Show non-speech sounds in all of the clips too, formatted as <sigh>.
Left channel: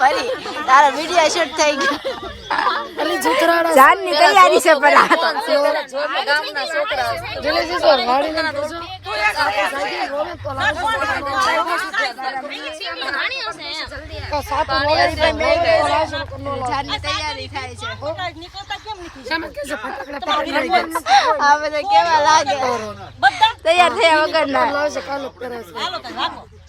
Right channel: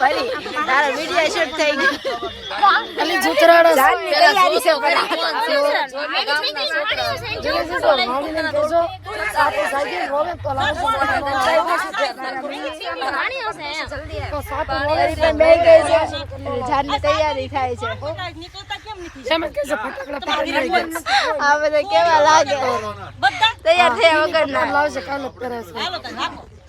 ફરી. તારો video shoot થઈ ગયો ખાલી જુતરાડા જાનની તૈયારી છે પેલા આ તો. જલ્દી જો ગાડીને કહેજો તો સાતું ફરી પણ બે ગઈ છે જાનની તૈયારી થાય છે. આ બધા કેવા લાગે? તૈયાર થયા વગર ના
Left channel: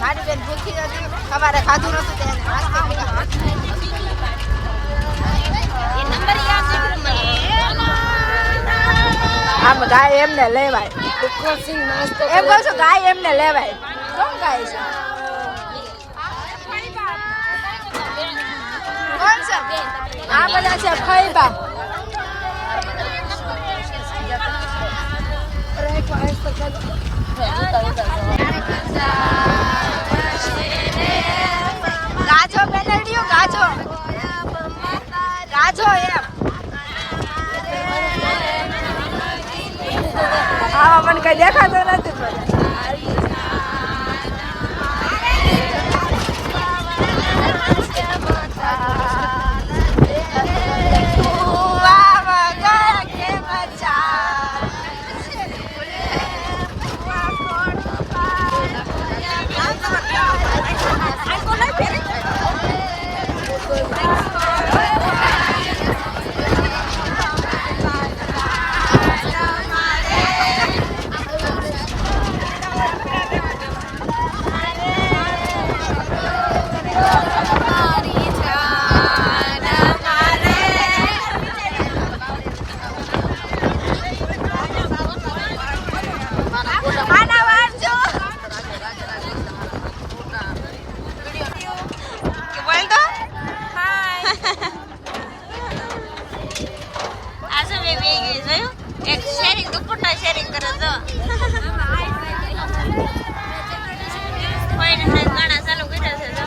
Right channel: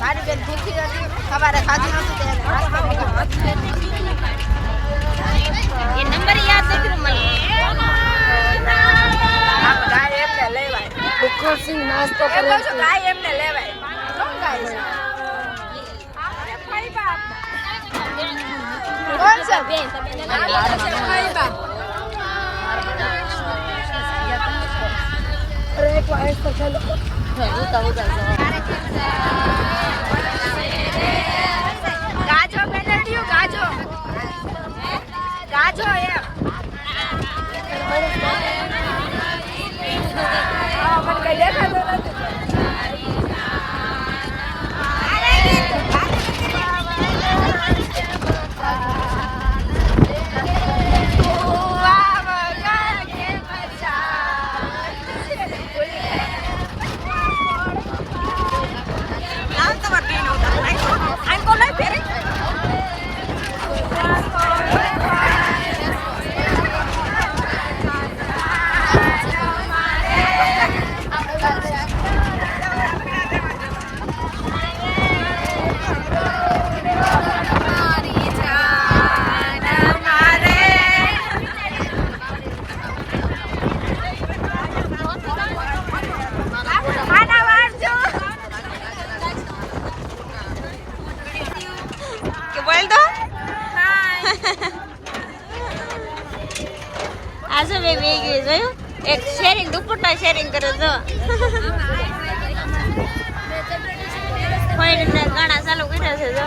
મારી બેન ભૂખી હતી. સવારે ખાધું નતું નાસ્તો મગાવ્યો. આમ ગાય એમને લેવાય. એમ કહું છું ગાય એમને લેવાય. કોણ ગાય છે? કોણ છે? ગાજો ગાજો એમ. આવા પણ કઈ દેખાતું નથી વાહ વાહ ગયા કે આના વારજો કે બોલ તો આ શું બે બે ગઈ જોયું. એક શેરિંગ દુપટ્ટા શેરિંગ કરે જો. <laughs> ઘણા ચાલુ કર્યા છે જો.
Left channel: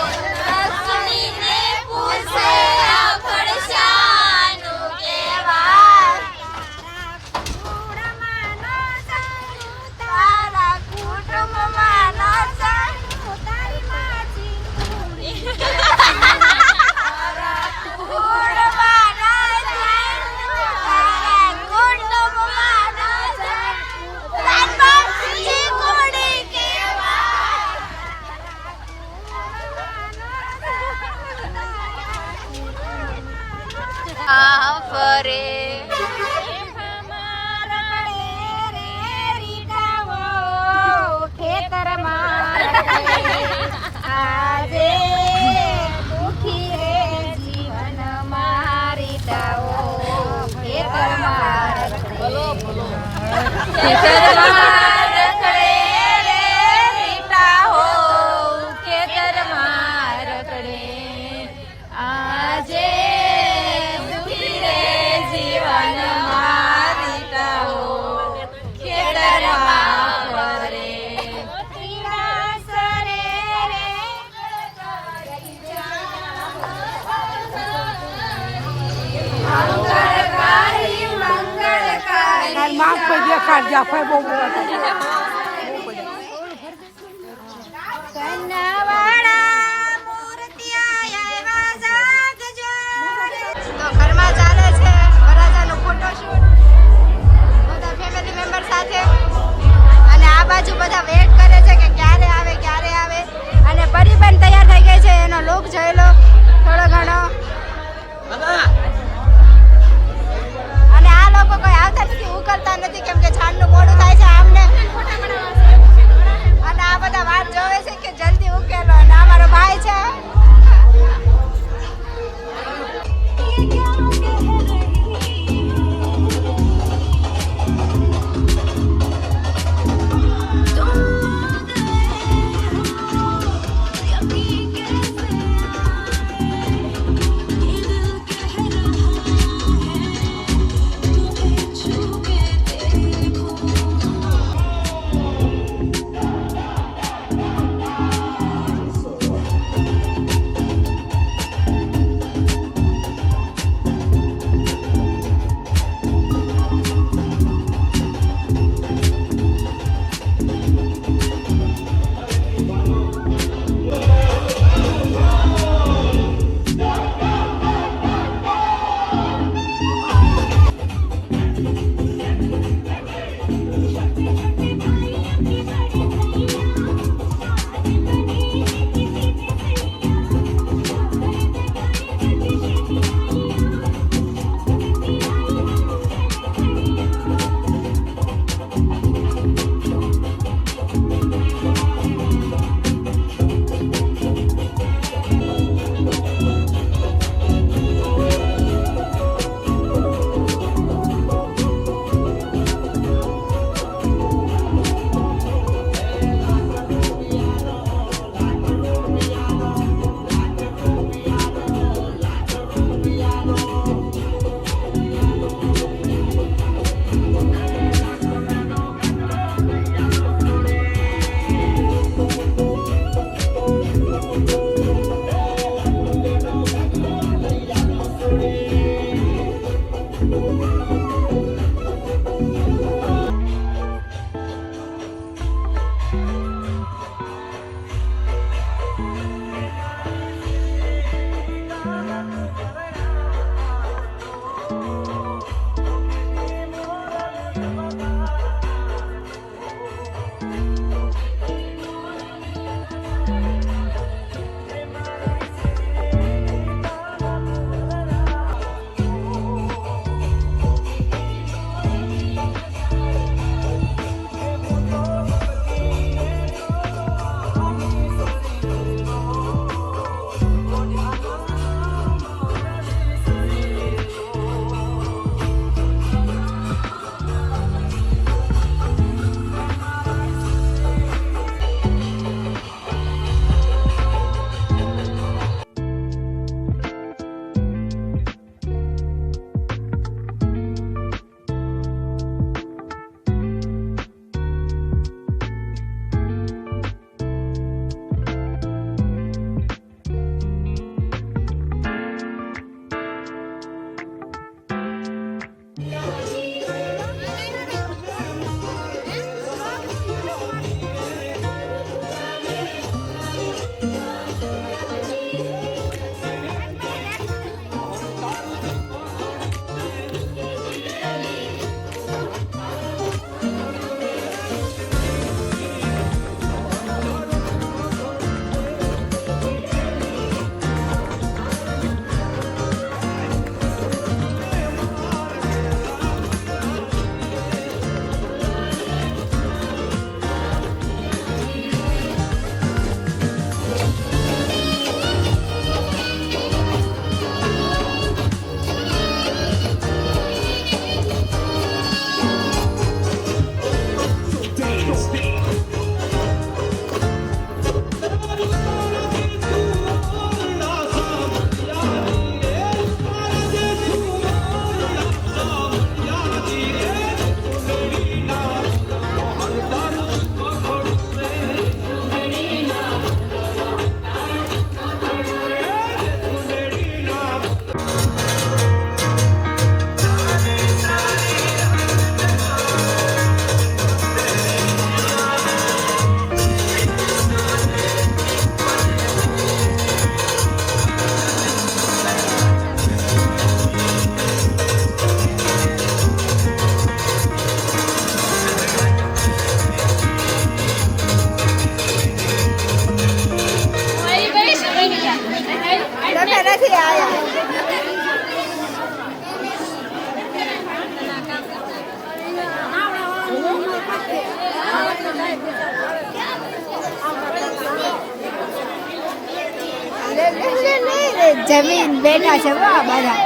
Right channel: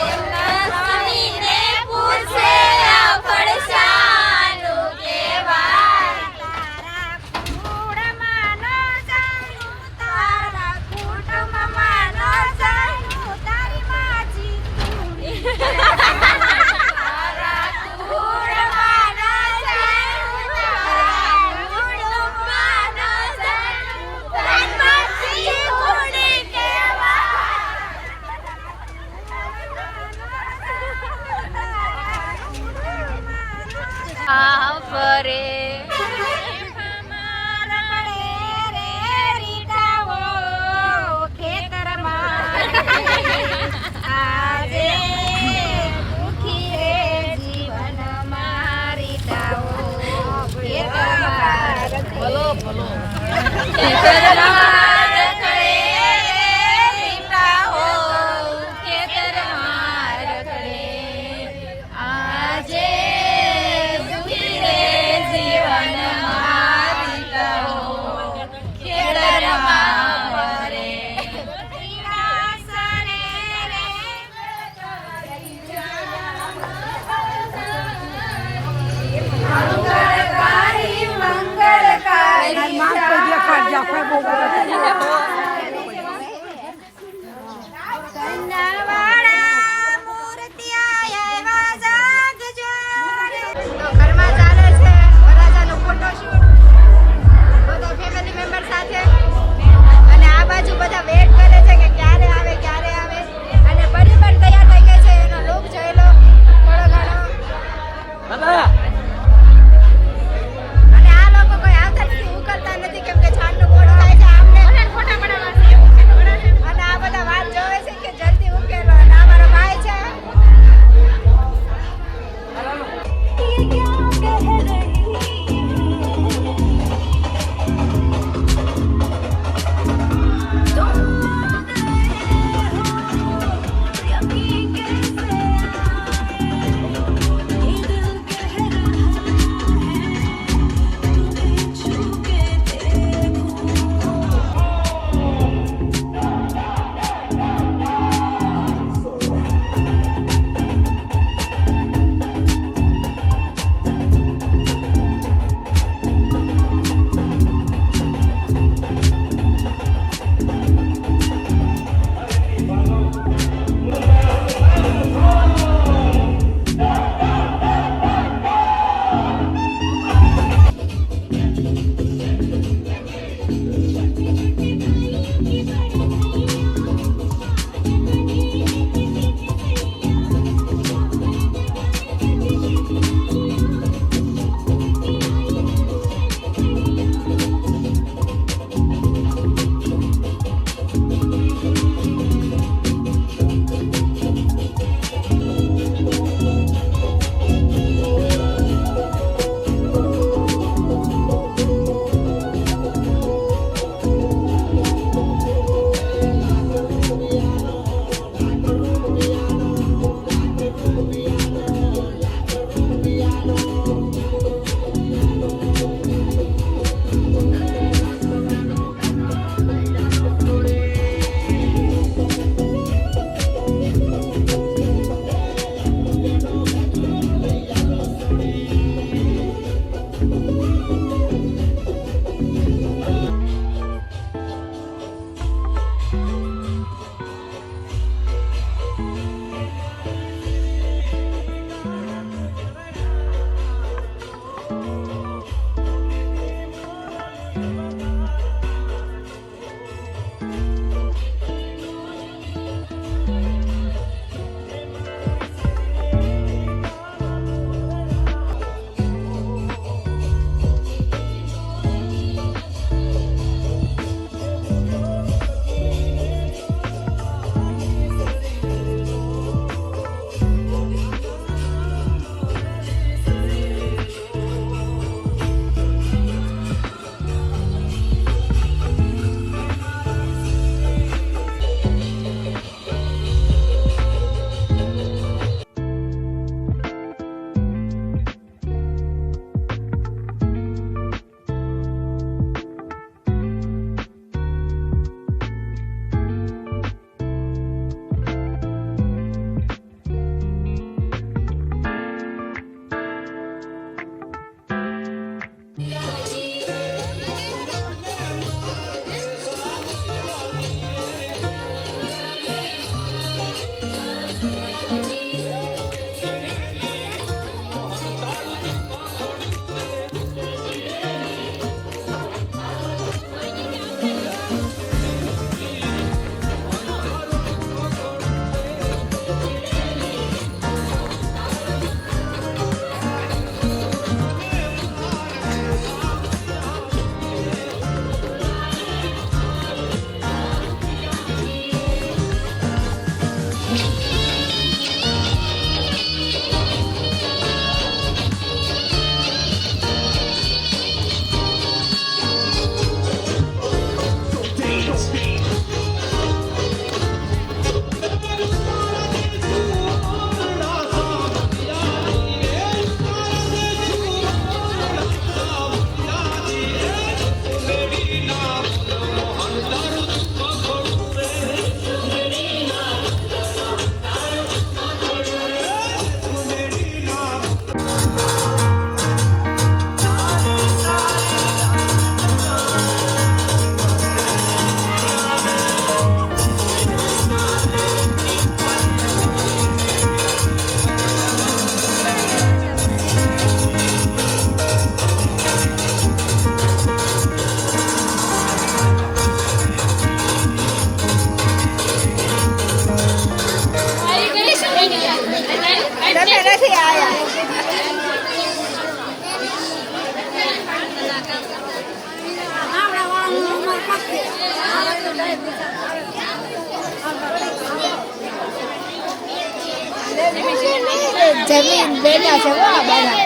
જમીન બેઠા છે હો આ બધા.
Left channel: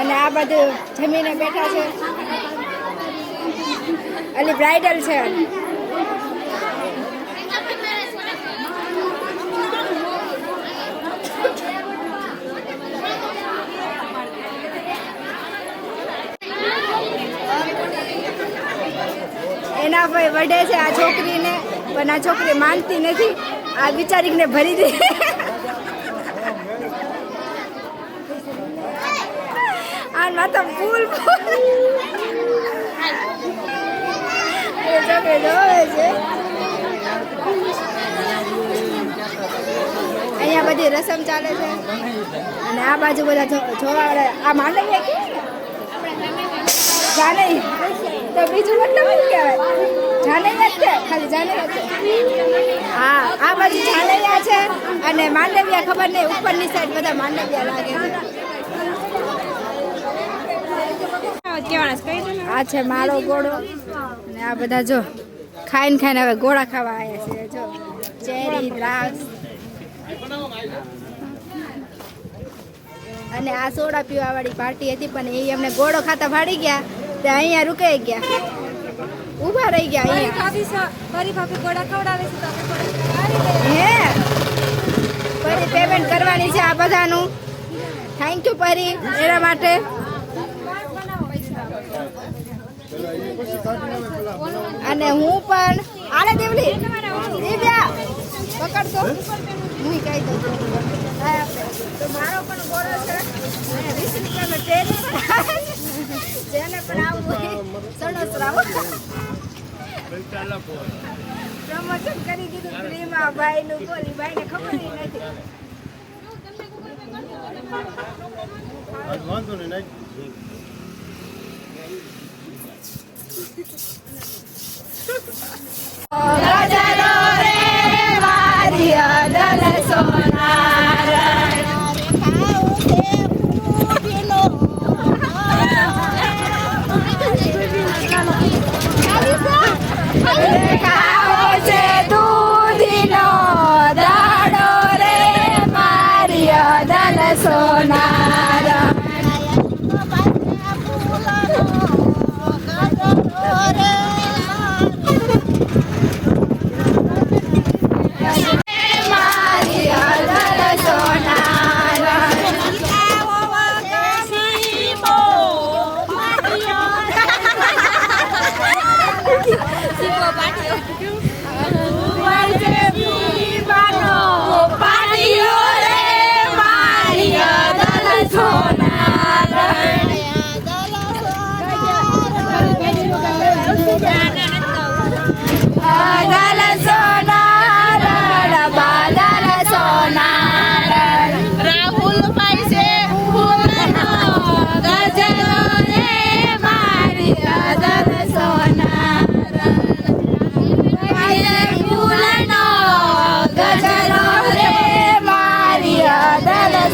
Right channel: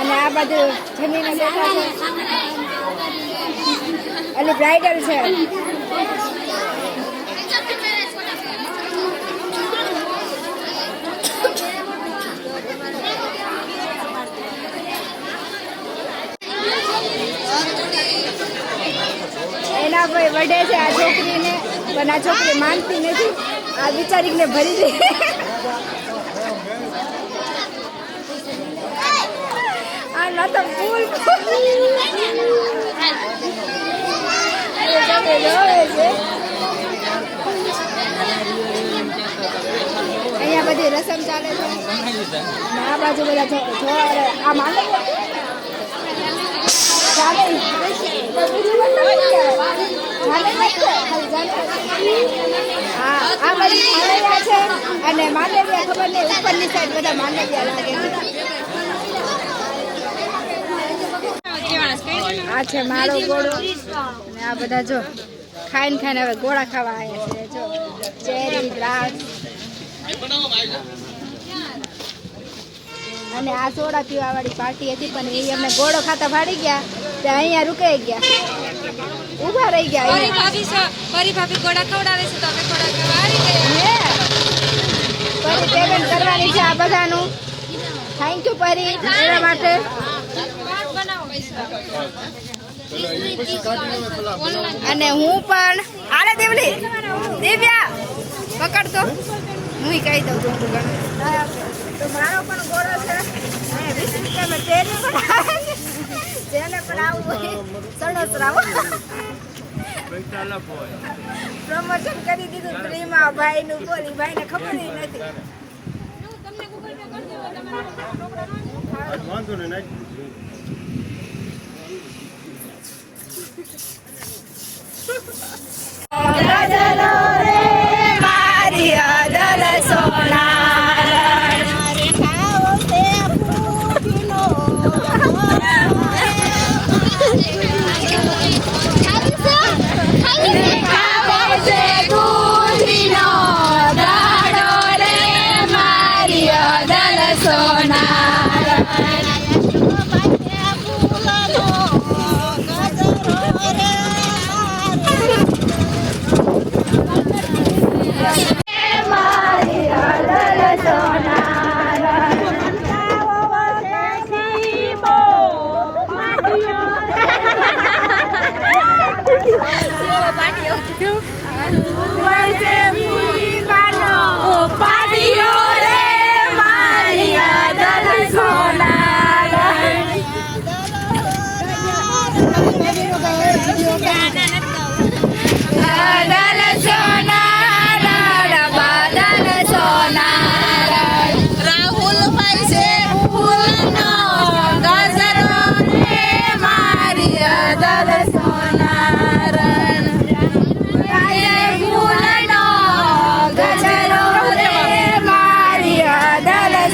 અને આ બધું જમીને બેઠા છે. એટલે બ્રાઇડલ છે. એના ભાઈ વઢે છે, આ છોકરીને, પણ આ છોકરી માનતી નથી. આ બિચારીને ભરી દે. આ માથા ફૂલ અહીંયા બધી રસમ ચાલે છે. અને આ બાજુ બધા આ માંડે જાને બીજું મતલબ કહેવાય? જાને જ ખાલી જાને હા, આ બધી જાનૈયા છે અને માંડવિયા ખબર નહીં, ઉપરની સાઈડ બધા માંડવિયા લાગે છે. આ છે મારો ગોળો. ને આ બધા જો ખાઈને ખાઈને હવે ગોળા ખાવા આવ્યા છે. જો, ચેરી, દ્રાક્ષ. અને આ સોડા પીવા વાળી પાર્ટી હતી, પણ એ અમને ગોળો ખાતા ભાડી ગયા. તે અહીંયા રૂકાઈ ગયા. ઊભા રહી ગયા અહીંયા. ભાભી ફરી ભાભી ગોળા ખવડાવે છે તો અમે ખાવા આવી ગયા પરી પેમેન્ટ કરવાની છે આ બધાનું. થેન્ક યુ પરી એના માટે. અને હું પણ આલે દેવલી. દિવ્યા પકડ તો હું કહી દઉં. છું તો મારો પણ ગોળો છે. વીસ રૂપિયામાં તેરી પણ. જેને પણ આવું હોય સણસરાવ પ્રમોશન કરી દીધું ફ્રીમાં ભાઈનું બોલી ભાઈને ખબર નથી. ગજરો રે મારી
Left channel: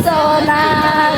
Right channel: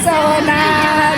सोनार.